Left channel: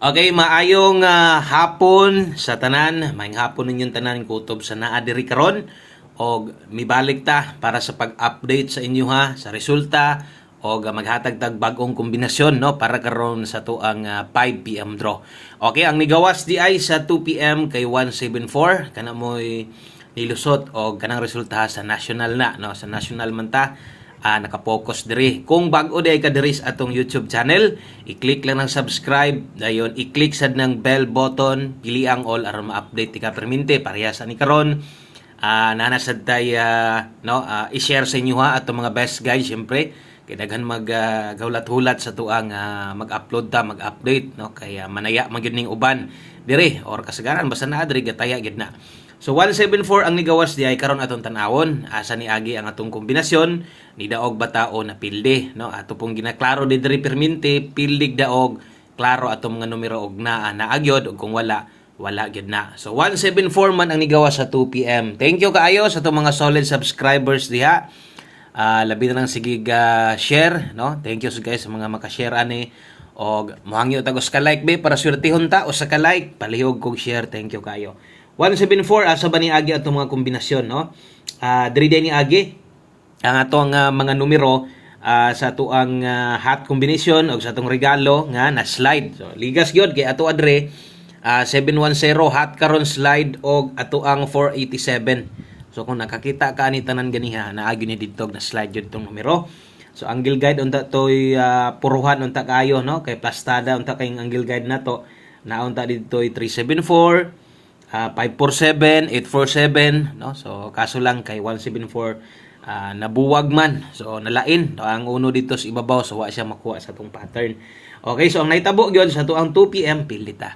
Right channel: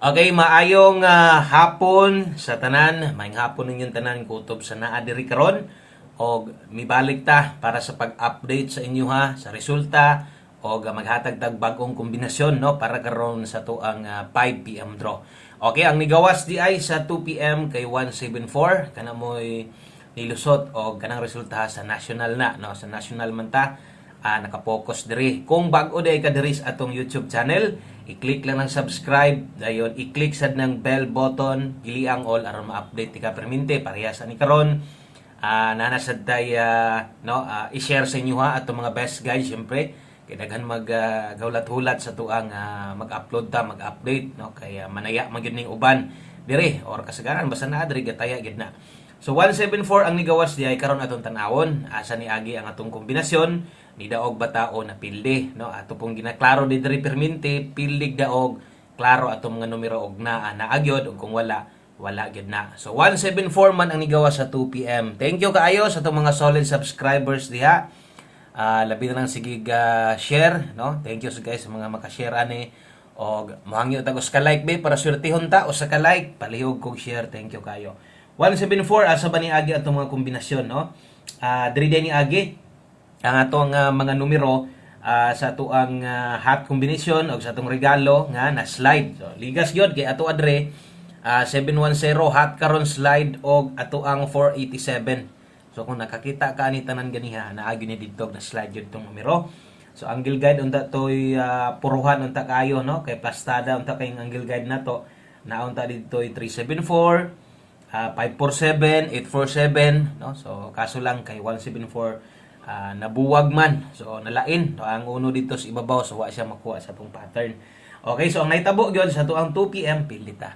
Okay, maayong hapon sa tanan. Maayong hapon ninyong tanan kutob sa naa diri karon og mibalik ta para sa pag-update sa inyo ha sa resulta og maghatag tag bag-ong kombinasyon no para karon sa tuang 5 PM draw. Okay, ang nigawas di ay sa 2 PM kay 174 kana moy nilusot og kanang resulta sa national na no sa national man ta nakapokus diri. Kung bag-o di ay ka diri sa atong YouTube channel, i-click lang ng subscribe, dayon i-click sad ng bell button, pili ang all aron ma-update ti ka permente parehas ani karon. Nanasad tay i-share sa inyo ha atong mga best guys syempre kay daghan mag gawlat-hulat sa tuang mag-upload ta, mag-update no kay manaya magyud ning uban diri or kasagaran basta naa diri gataya gid na. So 174 ang nigawas di ay karon atong tan-awon asa ni agi ang atong kombinasyon ni daog batao na pilde no ato pong ginaklaro di diri permente pildig daog klaro atong mga numero og naagyod ug kung wala gyud na. So 174 man ang nigawas sa 2 PM. Thank you kaayo sa atong mga solid subscribers diha. Labi na lang sige share no. Thank you guys sa mga maka-share ani og mohangyo tagos ka like be para swertehon ta o sa ka like palihog kog share. Thank you kaayo. 174 asa ba ni agi atong mga kombinasyon no. Diri ni agi ang atong mga numero sa tuang hot combination o sa atong regalo nga na slide. So ligas gyud kay ato adre 710 hot karon slide og ato ang 487. So kung nakakita ka ni tanan ganiha naagi ni didto na slide jud tong numero. So angle guide unta toy puruhan unta kayo no kay plastada unta kay angle guide nato naunta didto 374 547 847 no. So kaso lang kay 174 nabuwag man. So nalain ang uno dito sa ibabaw so wa siya makuha sa tong pattern. Okay, so ang naitabo gyud sa tuang 2 PM pilita.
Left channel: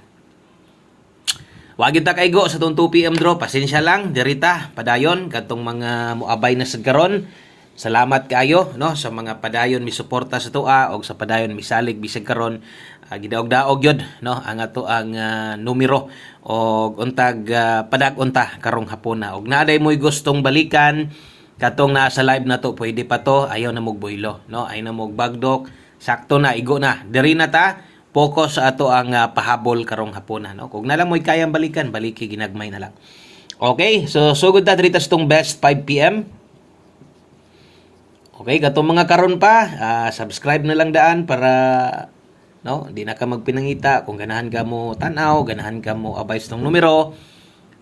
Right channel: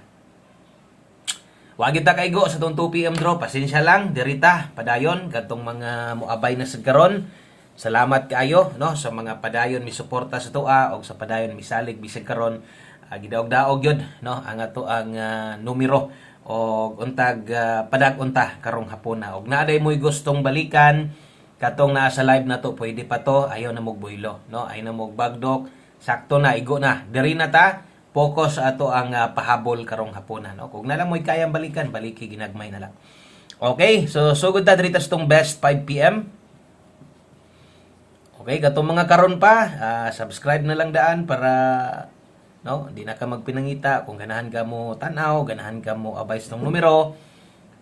Wa gyud ta kaygo sa tuang 2 PM draw, pasensya lang dirita padayon kadtong mga moabay na sad karon. Salamat kaayo no sa mga padayon mi suporta sa tua og sa padayon misalig bisag karon gidaog-daog gyud no ang ato ang numero og untag padag-unta karong hapon na og naaday mo'y gustong balikan katong naa sa live na to pwede pa to ayaw na mog boylo no ay na mog bagdok sakto na igo na diri na ta focus sa ato ang pahabol karong hapon na no kung nalang mo'y kayang balikan baliki ginagmay na lang. Okay, so sugod ta diri ta sa tong best 5 PM. Okay, katong mga karon pa subscribe na lang daan para no di na ka magpinangita kung ganahan ka mo tan-aw, ganahan ka mo abay sa tong numero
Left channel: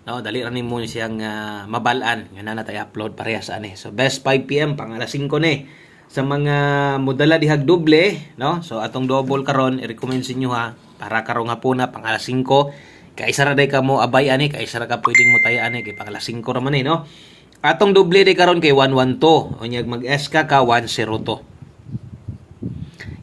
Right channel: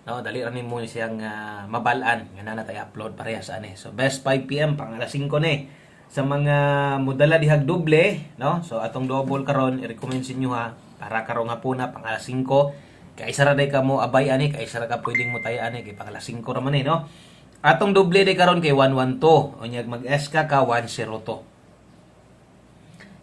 no dali ra nimo siyang mabalaan nga na tay upload parehas ani. So best 5 PM pang alas 5 ni sa mga modala dihag doble no. So atong double karon i-recommend sa inyo ha para karong hapon na pang alas 5 kay isa ra day ka mo abay ani kay isa ra ka pwedeng mo tay ani kay pang alas 5 ra man no. Atong doble day karon kay 112 unyag mag-S ka 102.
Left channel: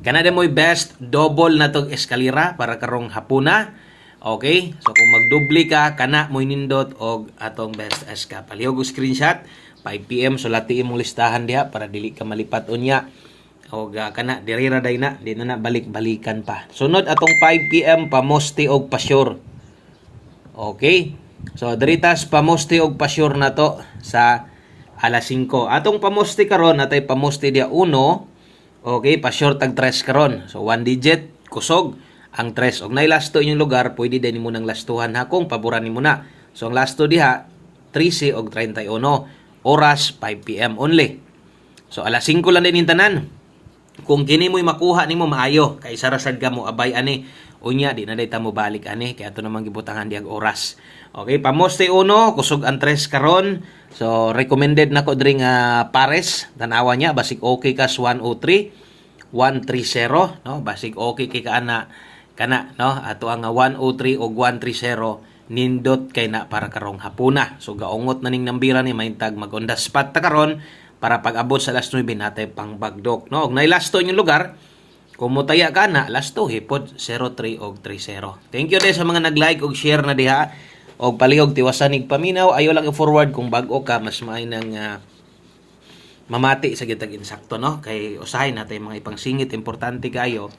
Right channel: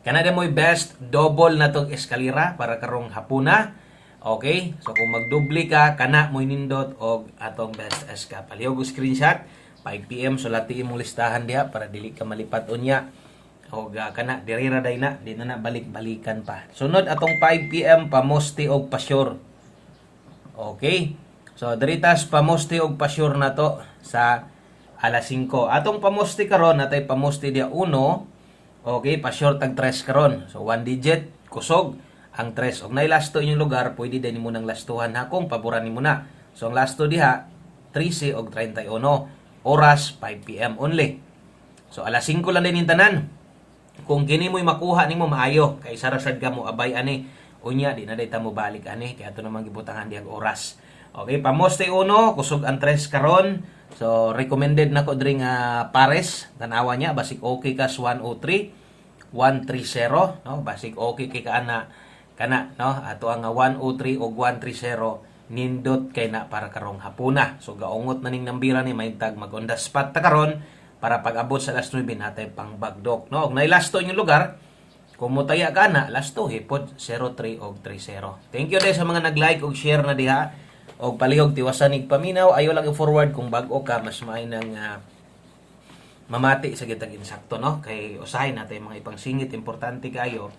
Kana mo best double na tong eskalera para karong hapuna. Okay? So kung magdoble ka kana mo nindot og atong best SK. Palihog og screenshot 5 PM sulati imong listahan diha para dili ka malipat unya. Og kana diri ra day na di na balik-balikan pa. Sunod atong 5 PM pamoste og pa-sure. Okay? So diritas pamoste og pa-sure na to sa alas 5. Atong pamoste karon natay pamoste dia 1. Okay, pa-short tag 3 karon. So 1 digit kusog ang 3 og nay lasto inyong lugar, pwede din nimo nang lastuhan ha kung paboran nimo na. So ang lasto diha 13 og 31 oras 5 PM only. So alas 5 lang din tanan. Kung kini mo'y makuha nimo maayo kay sarasad ka mo abay ani unya di na day ta mo balik ani kay ato namang gibutangan diag oras. Okay, pamoste 1 kusog ang 3 karon. So recommended nako diri nga pares tan-awa niya basig okay kas 103 130 no basig okay kay kana no ato ang 103 o 130 nindot kay na para karong hapuna. So gaungot na ning nambira ni maintag mag-on the spot ta karon para pag-abot sa last 9 natay pang bagdok no og nay lasto inyong lugar kung motaya ka na lasto hipod 03 og 30. Thank you din sa mga nag-like og share na diha og palihog tiwasan ig paminaw ayo lang i-forward kung bag-o ka mas maay nang mamati sa gitag insakto no kay usahay natay mga ipangsingit importante kayo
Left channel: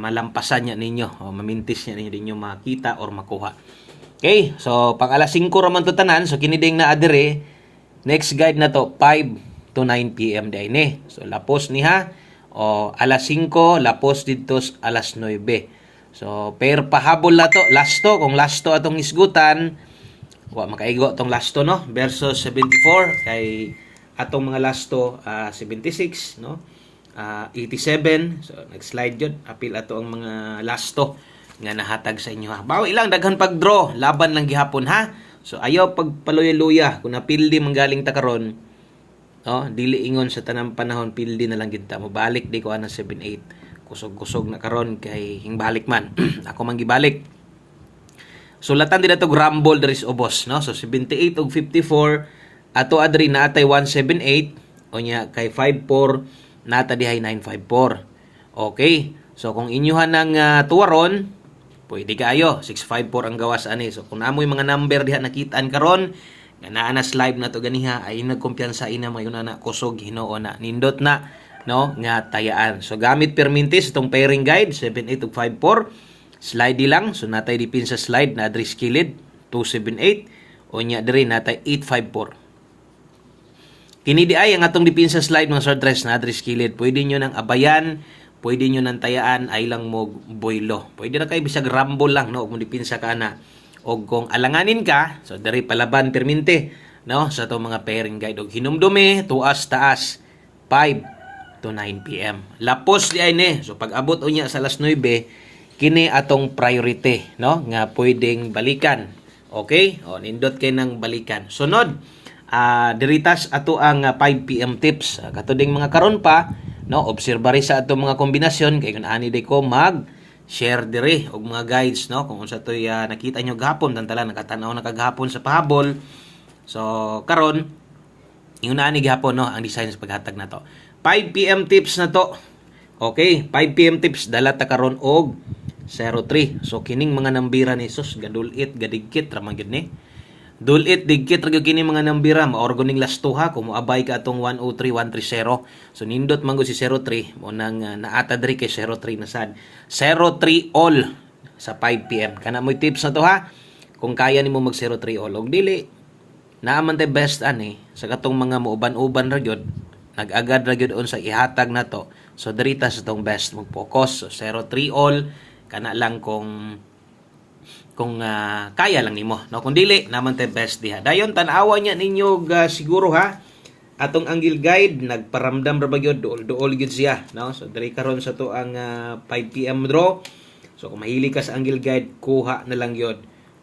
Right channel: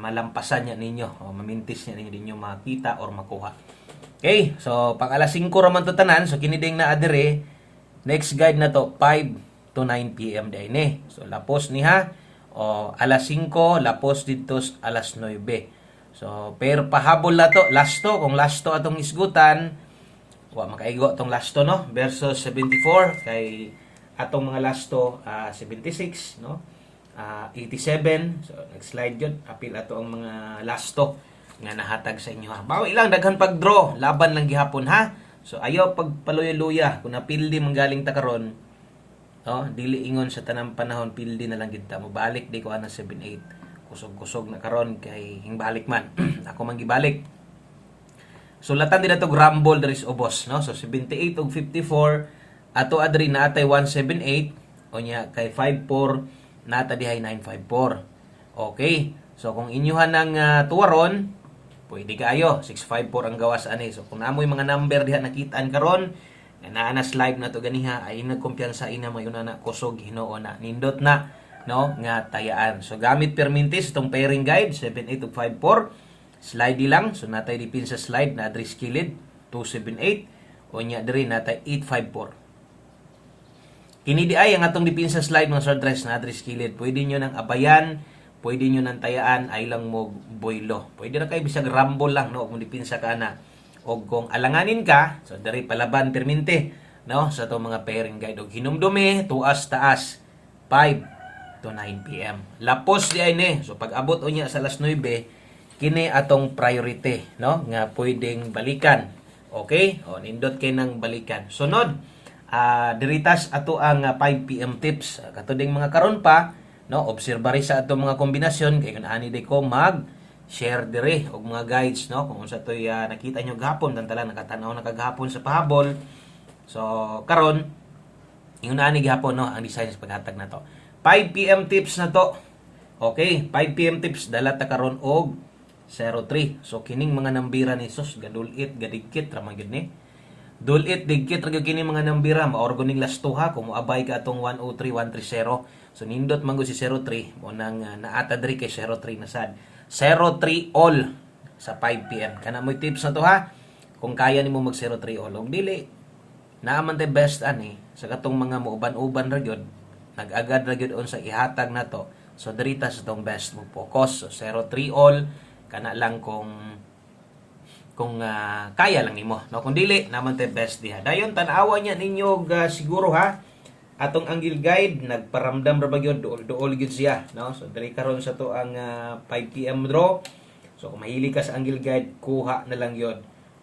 malampasan niya ninyo o mamintis niya ninyo dinyo makita or makuha. Okay, so pang alas 5 ra man to tanan so kini ding na adire next guide na to 5 to 9 PM day ni. So lapos ni ha o alas 5 lapos dito alas 9. So pair pahabol na to, lasto kung lasto atong isgutan, wa makaigo atong lasto no versus 74 kay atong mga lasto 76 no. 87 so nag-slide yun apil ato ang mga lasto nga nahatag sa inyo ha. Bawi lang daghan pag-draw, laban lang gihapon ha. So ayaw pagpaluya-luya kung napildi manggaling ta karon. No, dili ingon sa tanang panahon pildi na lang gid ta. Mobalik di ko ana 78. Kusog-kusog na karon kay hingbalik man. Ako man gibalik. Sulatan din ato rumble diri sa ubos no. So 78 ug 54 ato adri naatay 178 unya kay 54 nata dihay 954. Okay. So kung inyohan ng tuwaron, pwede kaayo 654 ang gawas ani. So kung namoy mga number diha nakitaan karon nga naa na live na to ganiha ay nagkumpiyansa ina mayon na kusog Ginoo na nindot na no nga tayaan. So gamit permintis itong pairing guide 78 ug 54 slide lang. So natay dipin sa slide na address kilid 278 unya diri natay 854. Kini di ay ang atong dipin sa slide mga address na address kilid. Pwede nyo nang abayan, pwede nyo nang tayaan ay lang mo boylo. Pwede na kayo bisag rumble lang no kung dipin sa kana. O kung alanganin ka, so diri palaban perminte no sa to mga pairing guide og hinumdumi tuas taas 5 to 9 PM. Lapos di ay ni. So pag abot unya sa alas 9, kini atong priority, no? Nga pwedeng balikan. Okay? O nindot kay nang balikan. Sunod, diritas ato ang 5 PM tips. Katuding mga karon pa, no? Obserbari sa ato mga kombinasyon kay kun ani day ko mag share dire og mga guides, no? Kung unsa toy nakita nyo gahapon tantalan nakatan-aw na kagahapon sa pahabol. So karon ingon ani gihapon no ang design sa paghatag na to. 5 PM tips na to. Okay, 5 PM tips dala ta karon og 03. So kining mga nambira ni sus gadulit gadigkit ra man gyud ni. Dulit digkit ra gyud kini mga nambira maorgo ning lastuha kung moabay ka atong 103 130. So nindot man gyud si 03 mo nang naata diri kay 03 na sad. 03 all sa 5 PM. Kana mo'y tips na to ha. Kung kaya nimo mag 03 all og dili naaman tay best ani sa katong mga muuban-uban ra gyud nag-agad ra gyud sa ihatag na to. So dirita sa tong best mo focus. So 03 all kana lang kung kaya lang nimo. No kung dili naman tay best diha. Dayon tan-awa niya ninyo siguro ha. Atong angle guide nagparamdam ra ba gyud duol gyud siya, no? So diri karon sa to ang 5 PM draw. So kung mahilig ka sa angle guide, kuha na lang gyud.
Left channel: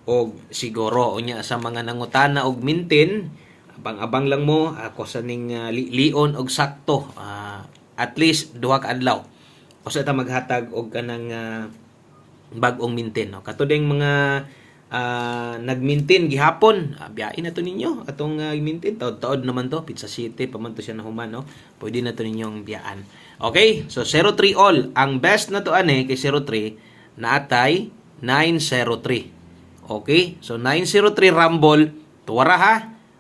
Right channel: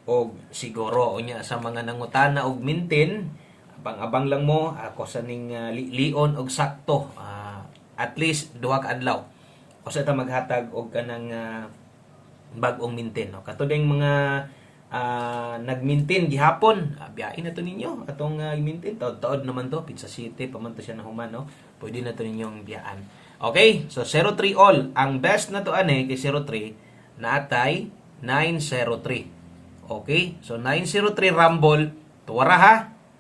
Og siguro unya sa mga nangutana og mintin abang-abang lang mo ako sa ning lion og sakto at least duha ka adlaw o sa ta maghatag og kanang bag-ong mintin no katuding mga nagmintin gihapon biyain na to ninyo atong mintin taod naman to Pizza City pa man to siya nahuman no pwede na to ninyong biyaan. Okay, so 03 all ang best na to ani kay 03 naatay 903. Okay, so 903 rumble tuwara ha.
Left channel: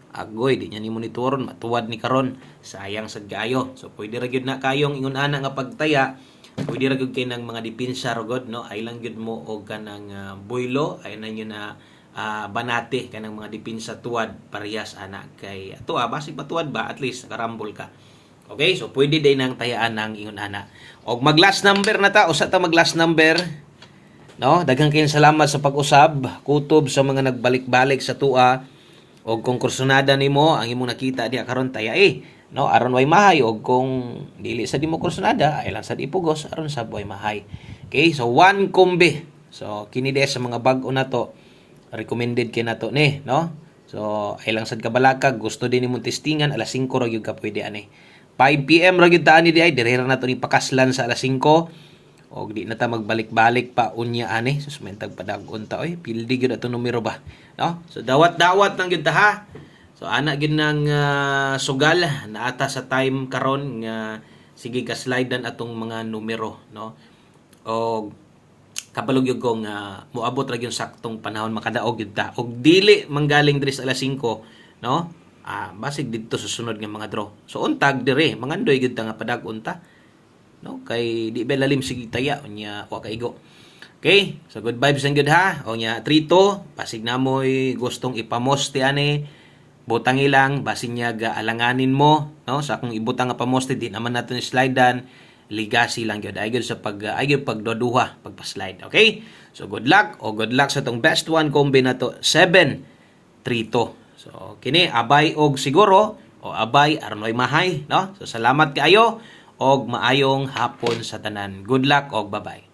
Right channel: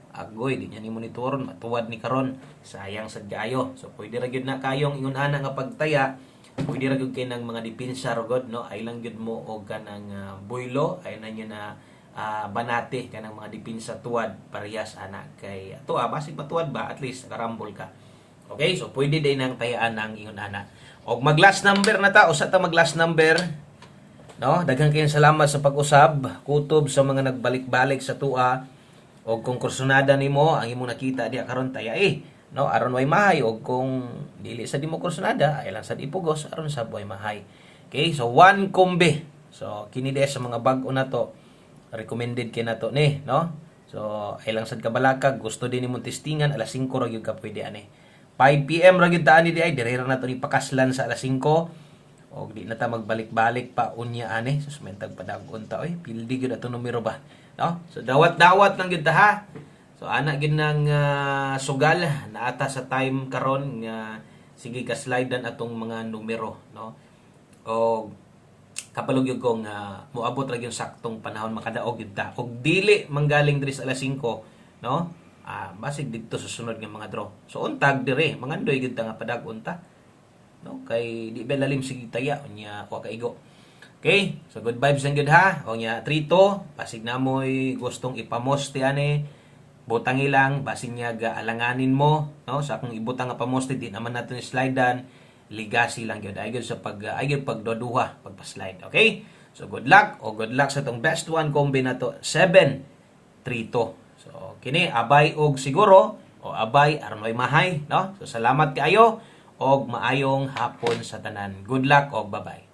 Agoy di nya ni monitoron matuwad ni karon sayang sad kaayo. So pwede ra gyud na kayong ingon ana nga pagtaya, pwede ra gyud kay nang mga depensa ra gud no ay lang gyud mo og kanang boylo ay na nyo na banati kanang mga depensa tuwad parehas ana kay ato basig matuwad ba at least nakarambol ka. Okay, so pwede day nang tayaan nang ingon ana. Og mag last number na ta usa ta mag last number. No, daghang kayong salamat sa pag-usab, kutob sa mga nagbalik-balik sa tua. Og kung kursunada nimo ang imong nakita diha karon taya no aron way mahay og kung dili sa dimo kursunada ay lang sad ipugos aron sa way mahay. Okay, so one kombe. So kini diha sa mga bag-o na to recommended kay nato ni no. So ay lang sad kabalakag gusto din nimong testingan alas 5 ra gyud ka pwede ani. 5 PM ra gyud ta ani diay dire na to ni pakaslan sa alas 5 og di na ta magbalik-balik pa unya ani sus may tagpadagon ta oy pildi gyud ato numero ba no. So dawat-dawat nang gyud ta ha. So ana gyud nang sugal naata sa time karon nga sige ka slide atong mga numero no. Og kapalog gyud ko nga moabot ra gyud saktong panahon makadaog gyud ta og dili manggaling diri sa alas 5 no. Basig didto susunod nga mga draw. So untag dire mangandoy gyud ta nga padag-on ta no kay di ba lalim sige taya unya wa kaigo. Okay, so good vibes and good ha. O nya 3-2 pasig namoy gustong ipamoste ani butang ilang basin niya alanganin mo no sa akong ibutang nga pamoste di naman nato ni slidean legacy lang gyud. Ay gyud sa ay gyud pagduduha, pagpa-slide. Okay? So good luck o good luck sa tong best one combi na to 732. So kini abay og siguro o abay arnoy mahay, no? So salamat kaayo og maayong hapon sa tanan. Good luck og bye-bye.